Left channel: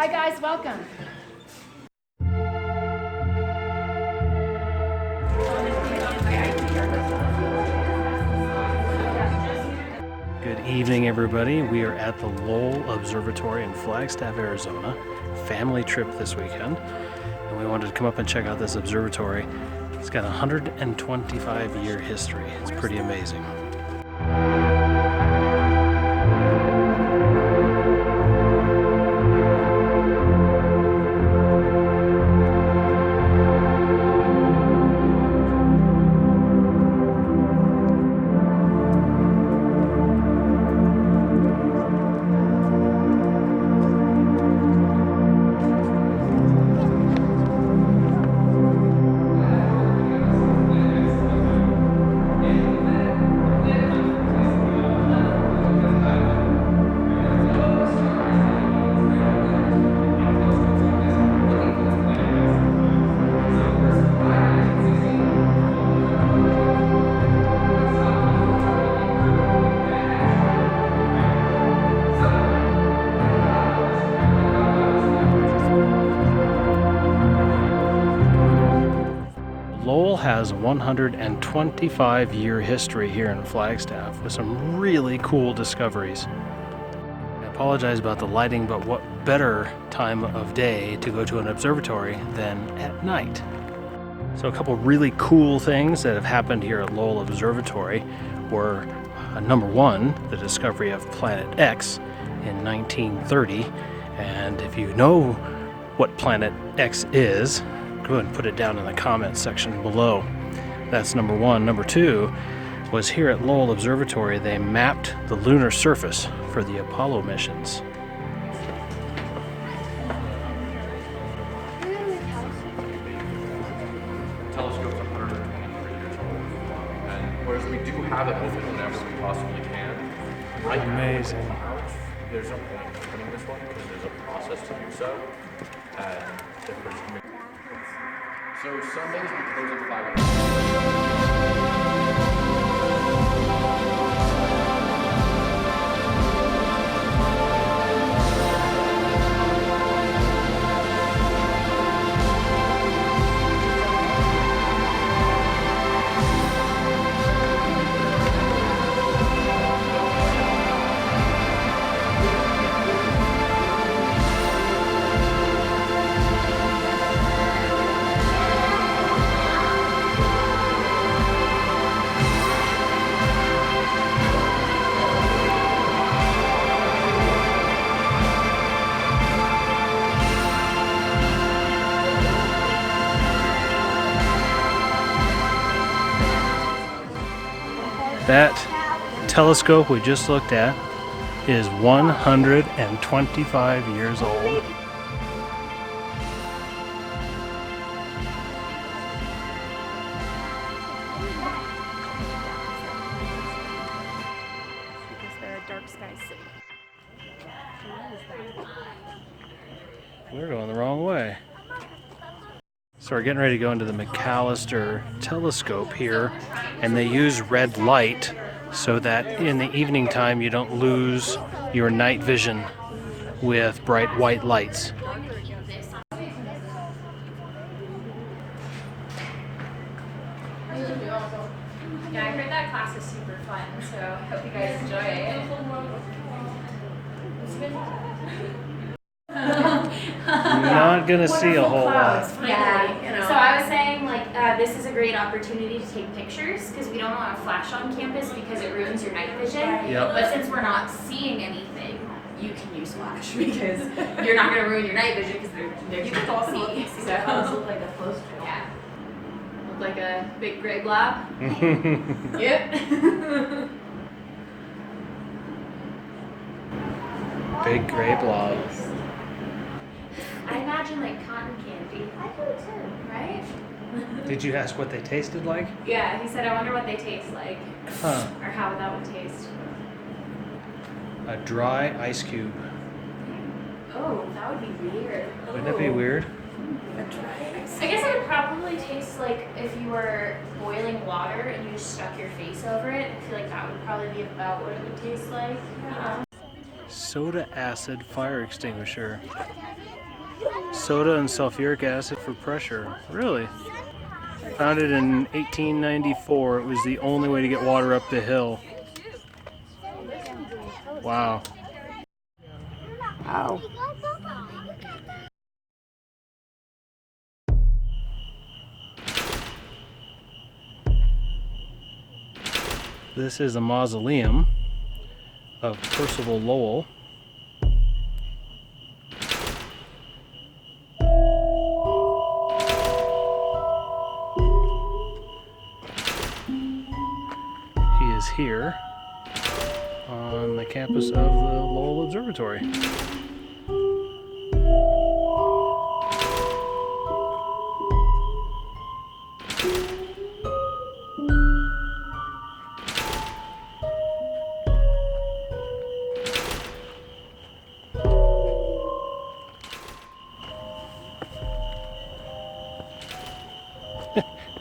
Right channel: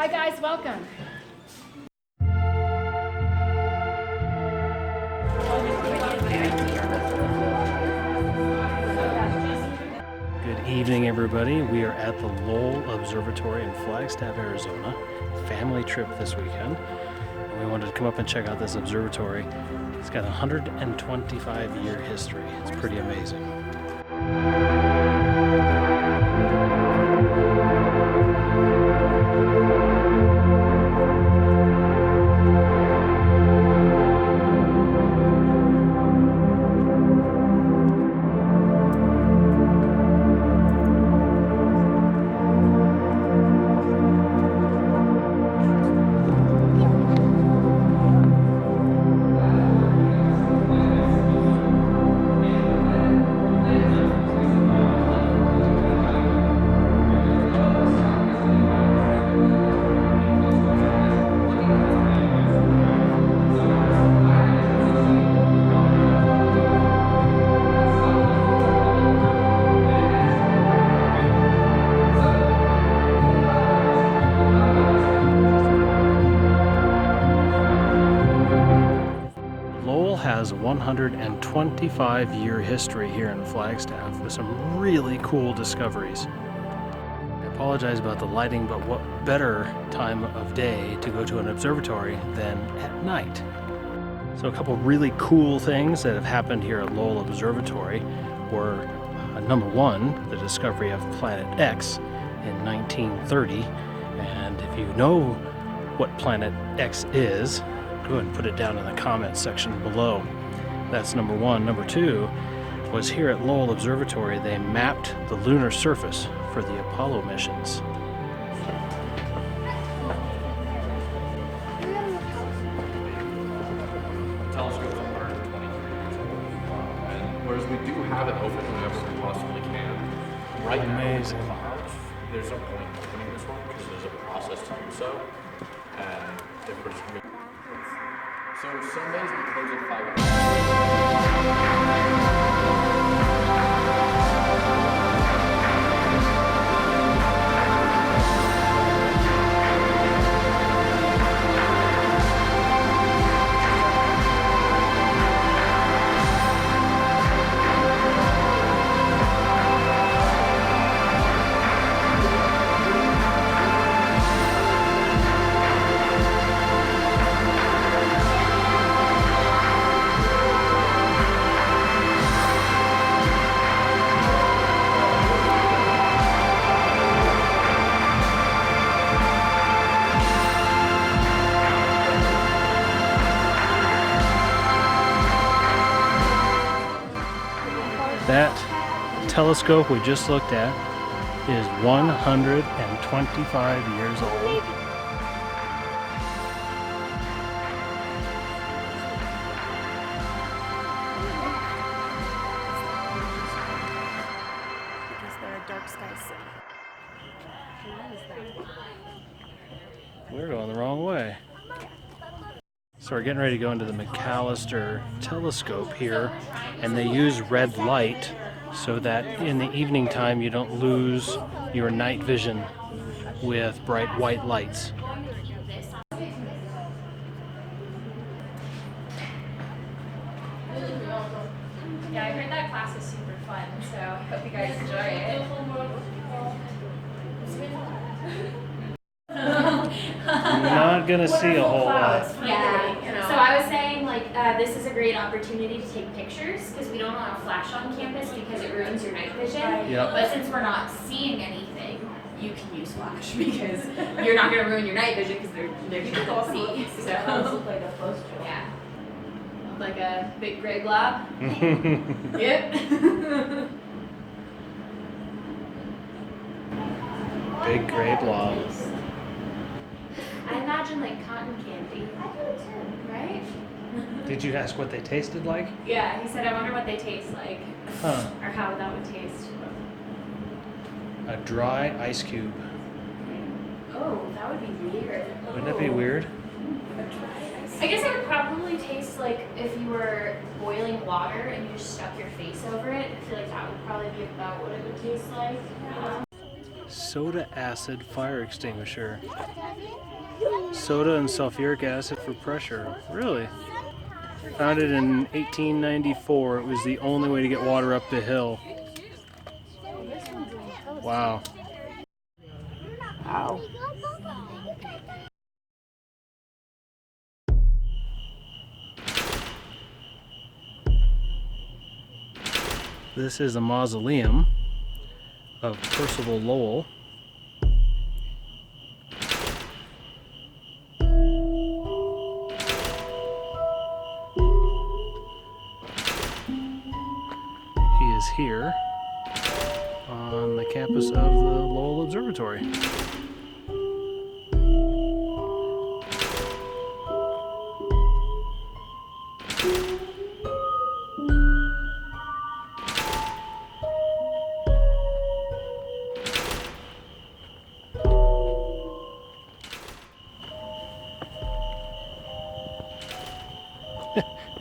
Hi guys, welcome. Good evening, everybody. We are at the Lowell Observatory in Flagstaff, Arizona. Family trip this weekend. And we wanted to come up and check out this observatory. It's got a 125-year history. It's pretty amazing. Lowell has a 125-year history here in Flagstaff with some really cool discoveries. I apologize about the lighting, but what better time of day to go to an observatory than at night? So a couple really cool things that have happened here at Lowell Observatory were number one, the discovery of Planet X in 1930. And if you know what Planet X is, go ahead and put it down in the comments section below. That's number one. Number two was here at Lowell Observatory, they mapped the lunar surface for the Apollo missions. Telescopes are 120. Whereas we do have it open whenever we possibly can. Right Amazing. now, there's no point in opening this one because there's a process to do so. And if we're just coming. So Sundays we close at 5 That telescope we just looked at is 125 years old. We're going the wrong way. So we're getting ready to go into the McAllister telescope here, and they use red light so that in the evening time you don't lose your night vision with bright white lights. Yeah, I heard that class is super fun, so I hope you guys enjoy it. Not gonna see a whole lot. Yeah, so I was saying, like, this is a great opportunity to take pictures because we don't want to flash on campus because it ruins your night vision. Yep. But since we're not seeing anything, you can use flash because you're not going to ruin your night vision because they're difficult to see. So look like a close to yeah, look like a big gray blob. Yep. Big gray blob. I imagine like cotton candy. I do too, right? Did you ask what they tasted like? Yeah, he said, I wonder what they taste like. Huh. Or how that would taste. A dry ice cube. Oh, that would be weird. Wouldn't it be weird? I guess it would probably taste like if you were boiling water and you just stuck your face over it. I feel like that would probably be about what it would taste like. soda acid fire extinguisher. Soda and sulfuric acid for pressure. Really? Founded in 1894, it was the only way to get water up the hill. Wow. Ow. This is a mausoleum of Percival Lowell. He is here on the campus of the Lowell Observatory.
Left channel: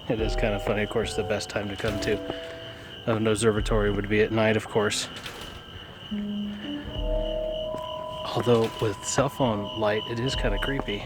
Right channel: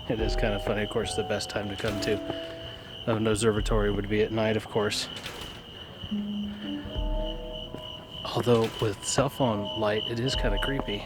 It is kind of funny. Of course, the best time to come to an observatory would be at night, of course. Although with cell phone light, it is kind of creepy.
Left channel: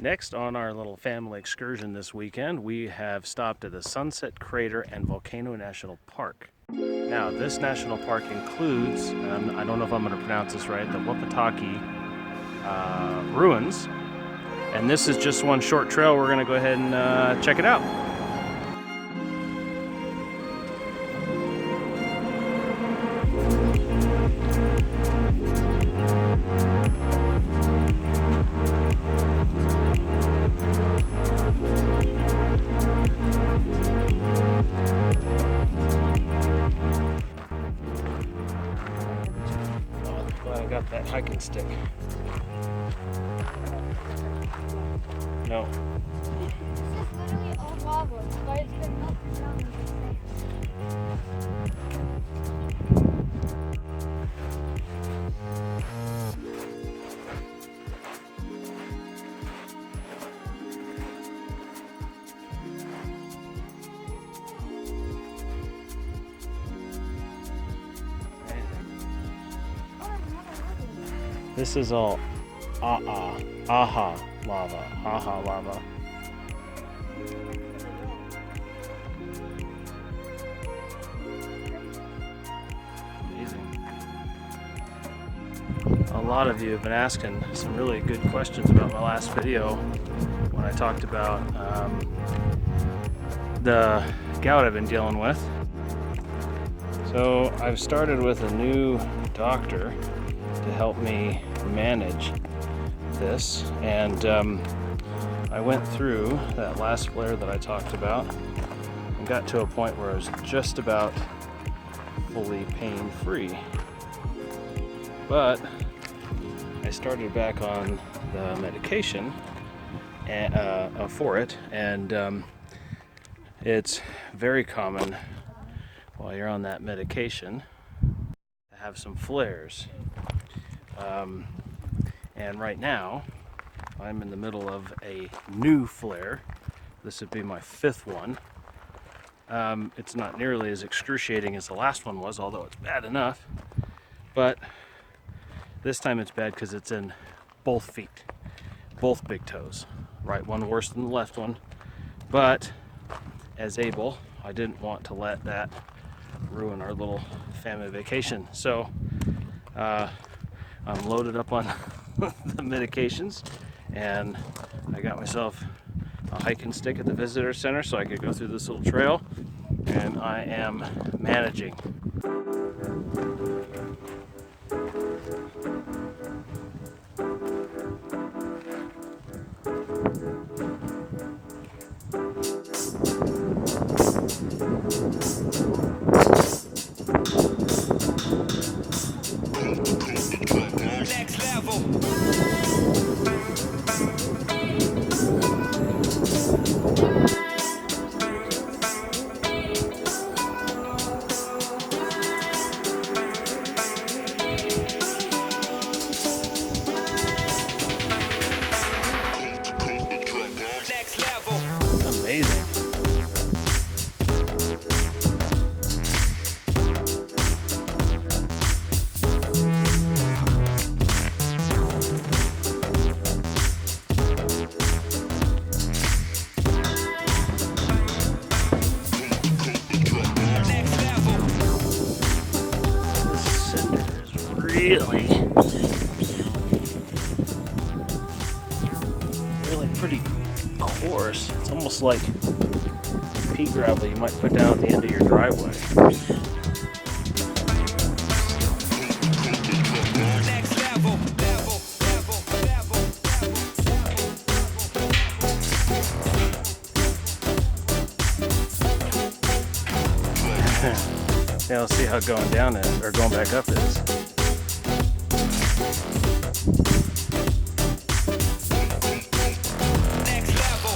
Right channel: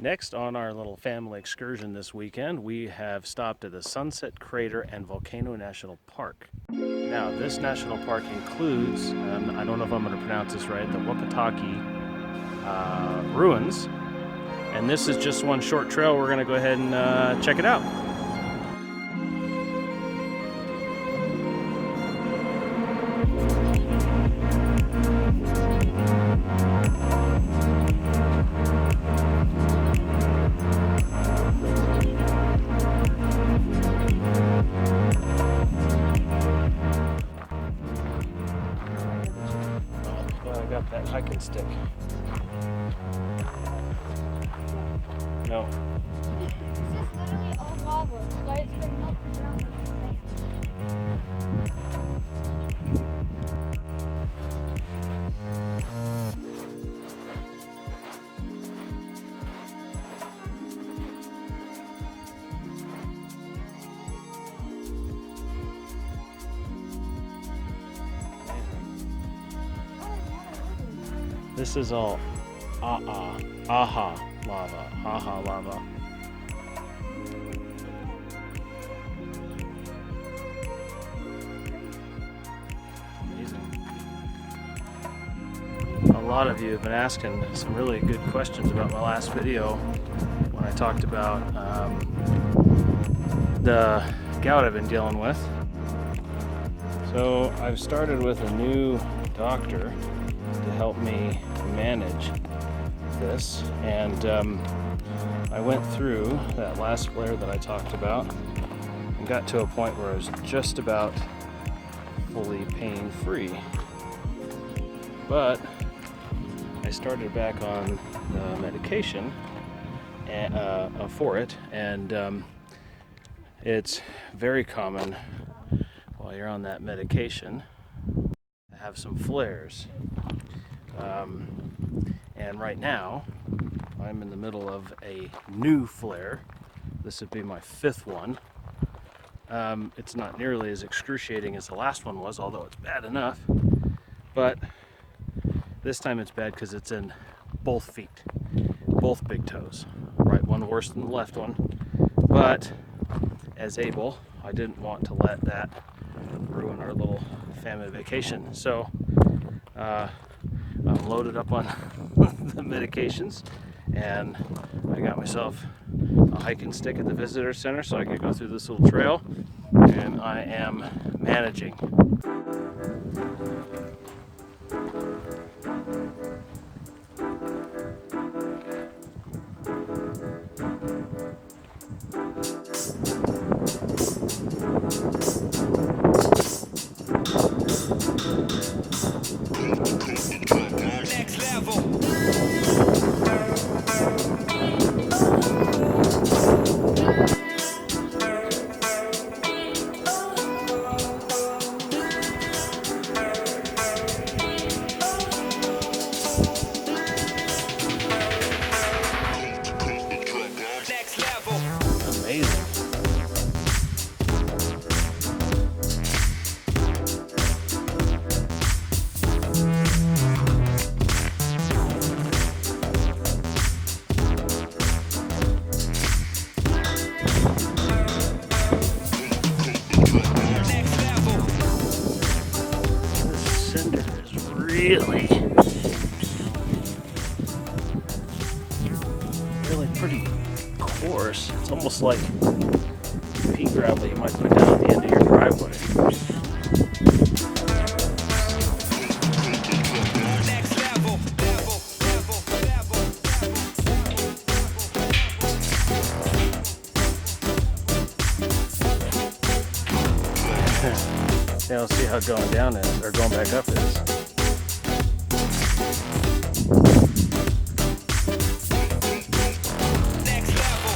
Next on our little family excursion this weekend, we have stopped at the Sunset Crater and Volcano National Park. Now, this national park includes, I don't know if I'm going to pronounce this right, the Wapatki ruins. And this is just one short trail. We're going to go ahead and check it out. Got that hiking stick. No. This is all aha lava. Amazing. A lot of you have been asking some really good questions about my last video when I talked about the gout I've been dealing with. So I've started with a new doctor to help me manage this, and I went through that last flare that I talked about and got to a point where I was just about fully pain-free. But I started back on the medication for it, and it's very common while you're on that medication to have some flares. And right now I'm in the middle of a new flare. This would be my 5th one. It's not nearly as excruciating as the last one was, although it's bad enough. But this time it's bad because it's in both feet, both big toes. Right one worse than the left one. But as able, I didn't want to let that ruin our little family vacation. So I'm loaded up on the medications, and I got myself a hiking stick at the visitor center so I could go through this little trail, and I am managing. Next level. Next level. Amazing. This cinder is really pretty coarse. It's almost like pea gravel you might put down at the end of your driveway. Next level. Yeah, let's see how going down is, or going back up is. Next level.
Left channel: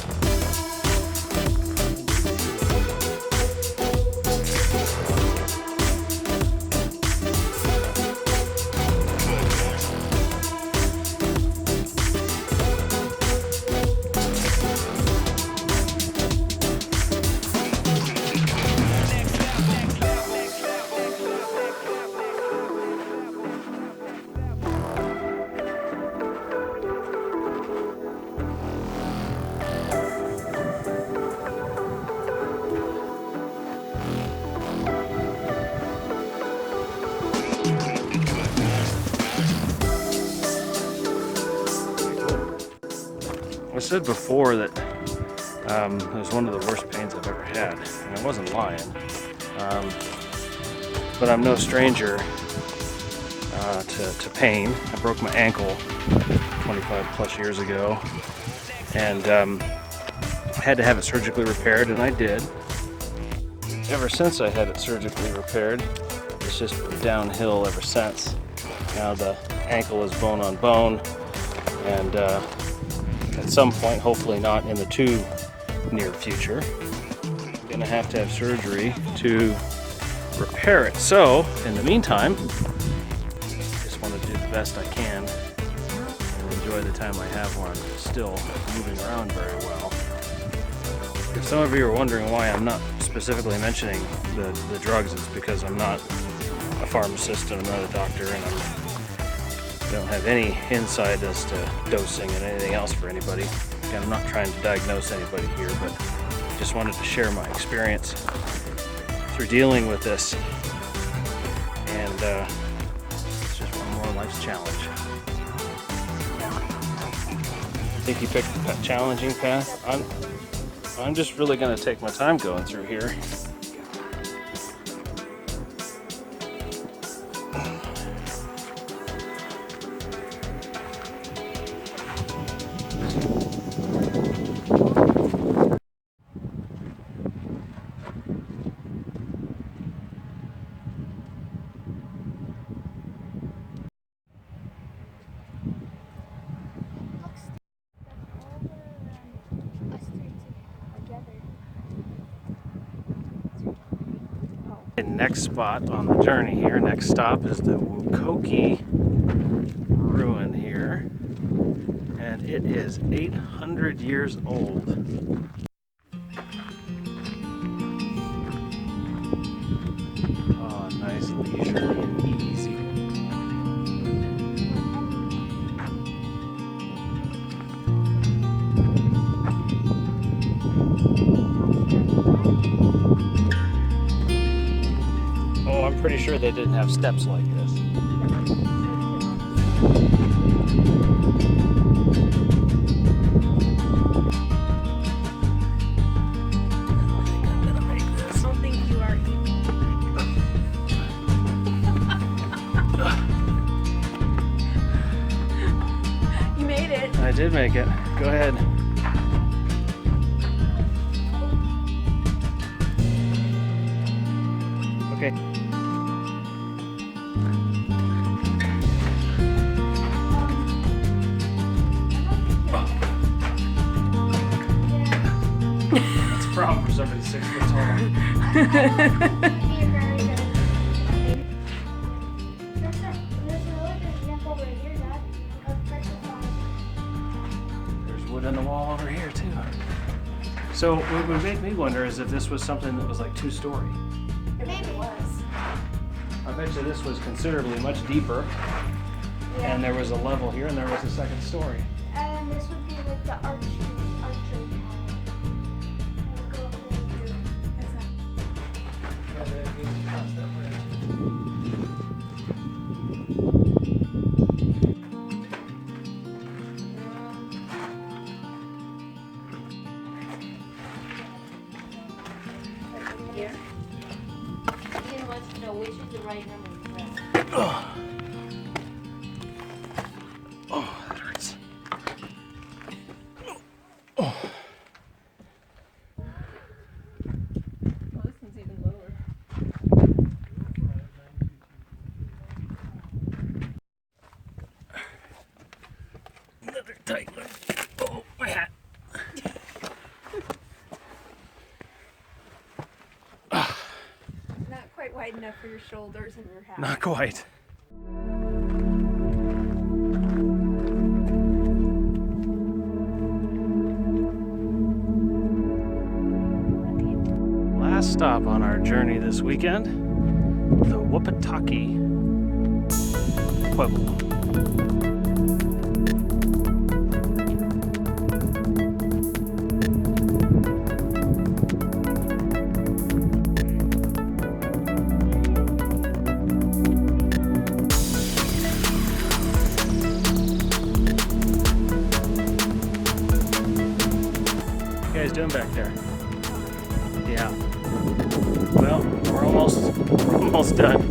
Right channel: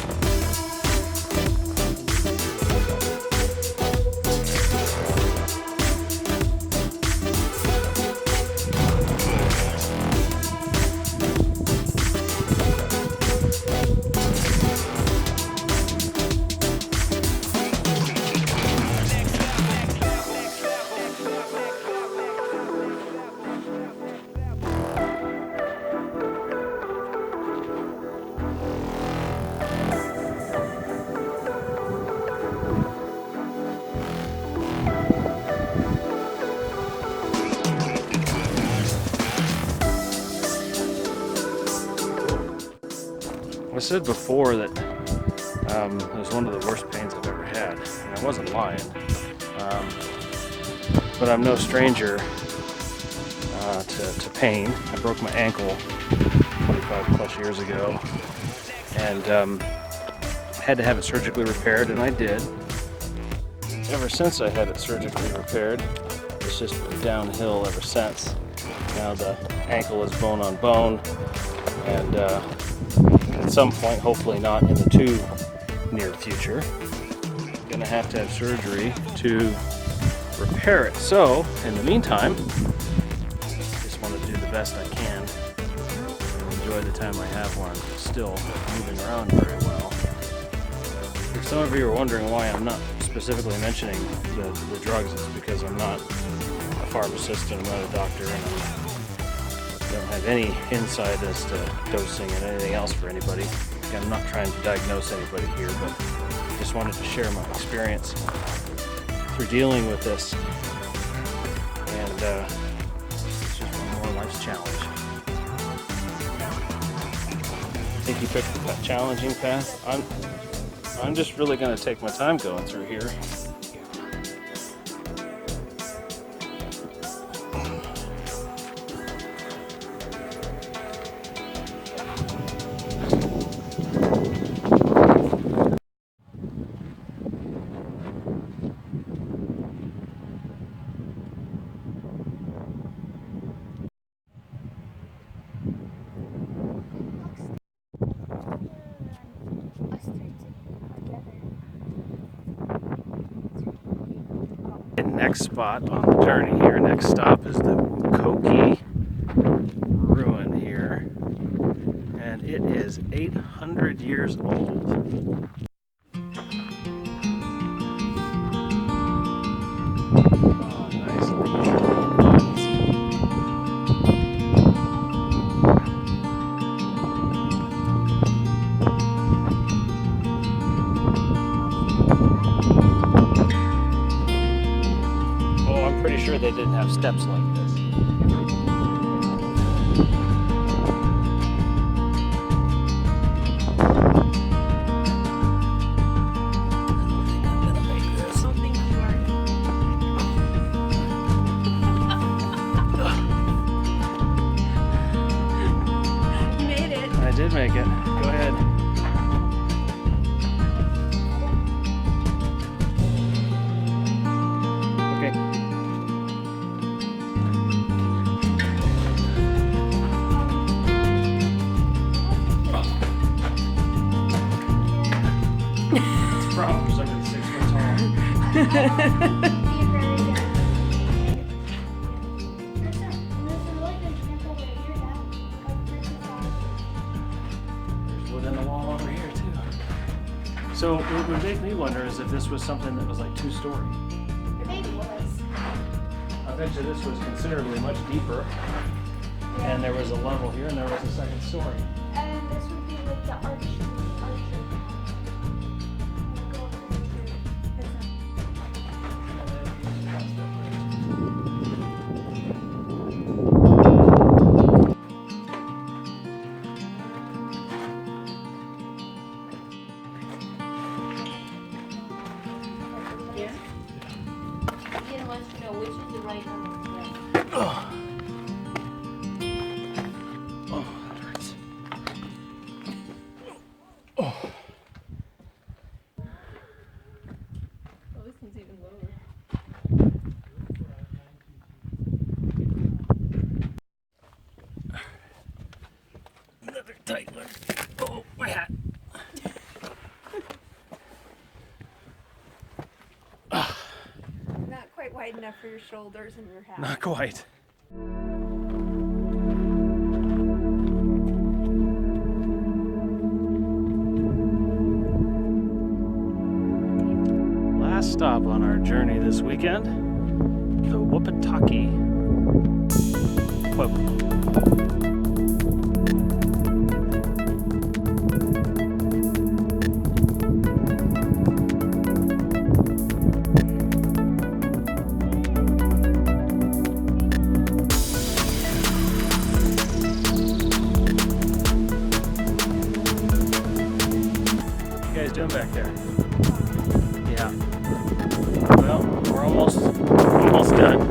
I said before that it was one of the worst pains I've ever had, and I wasn't lying. But I'm no stranger to pain. I broke my ankle 25 plus years ago, and I had to have it surgically repaired, and I did. Ever since I had it surgically repaired, it's just been downhill ever since. Now the ankle is bone on bone, and at some point, hopefully not in the too near future, I'm gonna have to have surgery to repair it. So, in the meantime, just want to do the best I can and enjoy the time I have when I'm still moving around very well. If some of you are wondering why I'm not specifically mentioning the drugs, it's because I'm not a pharmacist and I'm not a doctor, and I don't have any insight as to dosing and anything else for anybody. Again, I'm not trying to diagnose anybody here, but just wanted to share my experience through dealing with this. And it's just one more life's challenge. I think you picked a challenging path. I'm just really going to take my time going through here. And next spot on the journey here, next stop is the Wakoki ruin here. And it is 800 years old. Oh, nice, leisurely, easy. Oh, I'm pretty sure they didn't have steps like this. I did make it. Go ahead. Okay. That's a problem for somebody 6 foot tall. In the wall over here too. So what would make me wonder is if this was something that was like 2-story. It maybe was. I bet you this was considerably much deeper. Yeah. And there was a level here and there was a second story. And this would be like the archery. Go over there too. It's not. Ian wants to know which is the right number. Oh, that hurts. Oh. Oh, this one's even lower. Another tight one. Oh, my hat. Not quite wide enough for your shoulders and your hat. Not quite. Last stop on our journey this weekend, the Wapatki Pueblos. Doing back there? Yeah. Well, we're almost done.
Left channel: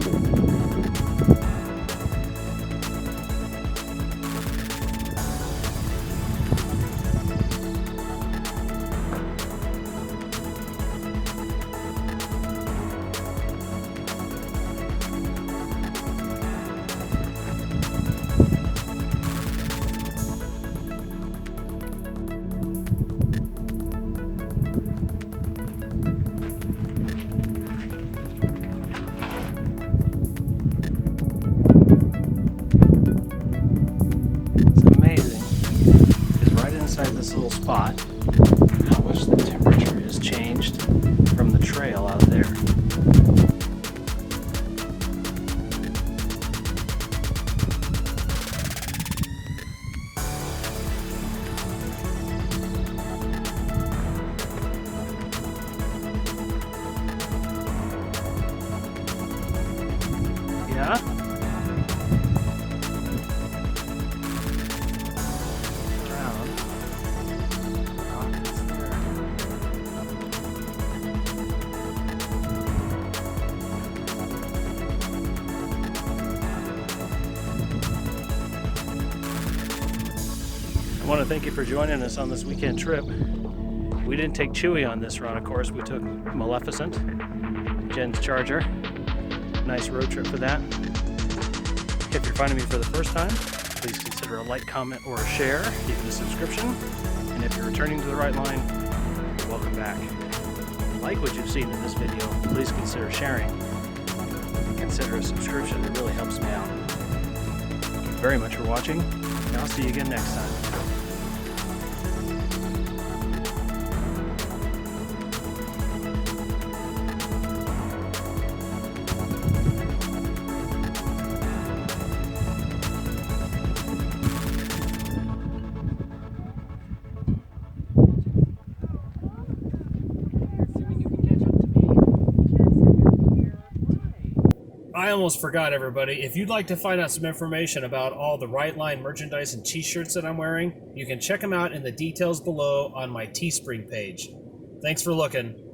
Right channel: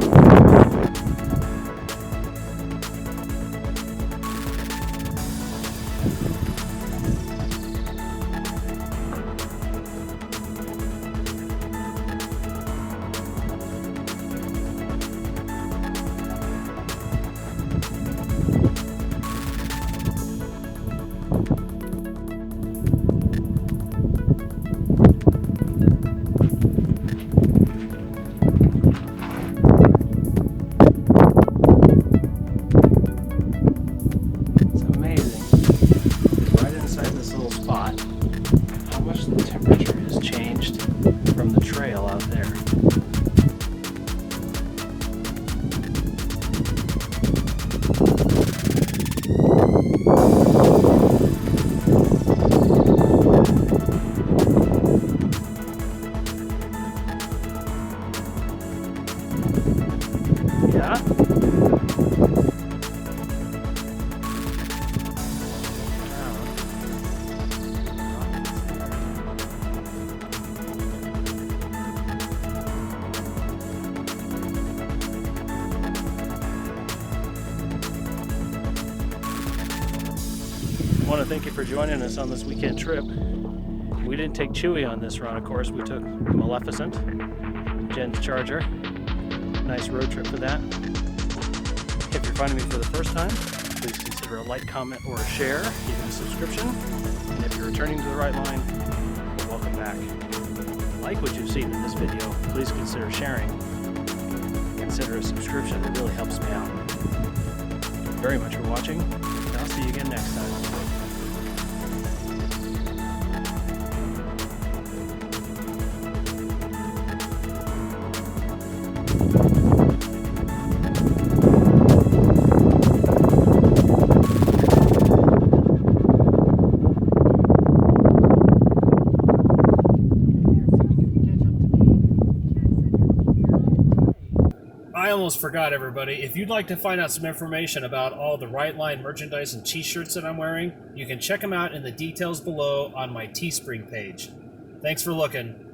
Spot, how much the temperature has changed from the trail out there. Yeah? I want to thank you for joining us on this weekend trip. We didn't take Chewy on this run, of course. We took Maleficent, Jen's Charger. Nice road trip for that. If you're finding me for the first time, please consider a like, comment, or a share, even a subscription. And if you're returning to the right line, welcome back. like what you've seen in this video, please consider sharing. Consider a subscription, it really helps me out. Very much for watching, and I'll see you again next time. I almost forgot, everybody. If you'd like to find out some information about all the Right Line merchandise and t-shirts that I'm wearing, you can check them out in the details below on my Teespring page. Thanks for looking.